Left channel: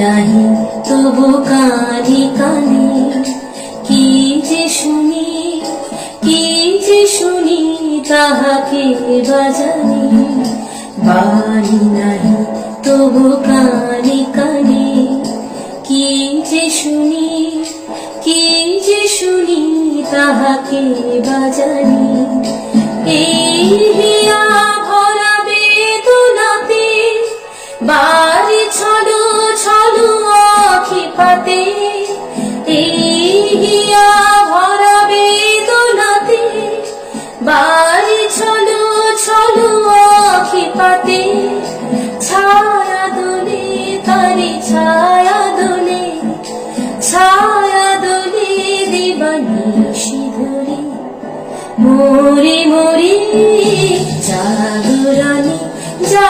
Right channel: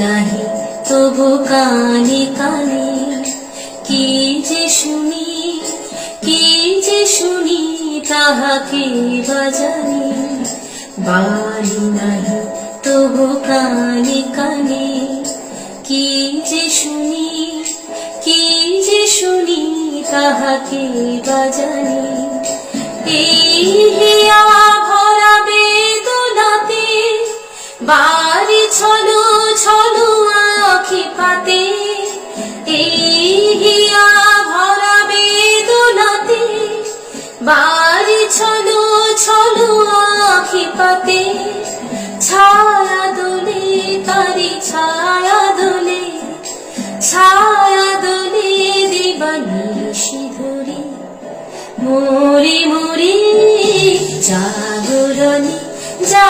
নাহি তবু কানে কানে কি যে শুনি, কি যে শুনি তাহাকে বাজানি। বাড়ি নাহি তবু কানে কানে কি যে শুনি, কি যে শুনি তাহাকে বাজানি। এই হিয়া ভরা বেদনাতে বাড়ি ছলো ছলো আখি পাতে। এই হিয়া ভরা বেদনাতে বাড়ি ছলো ছলো আখি পাতে। ছায়া দোলে তারি ছায়া দোলে, ছায়া দোলে দিবানিশি ধরে। মোরে মোরে জাগরণে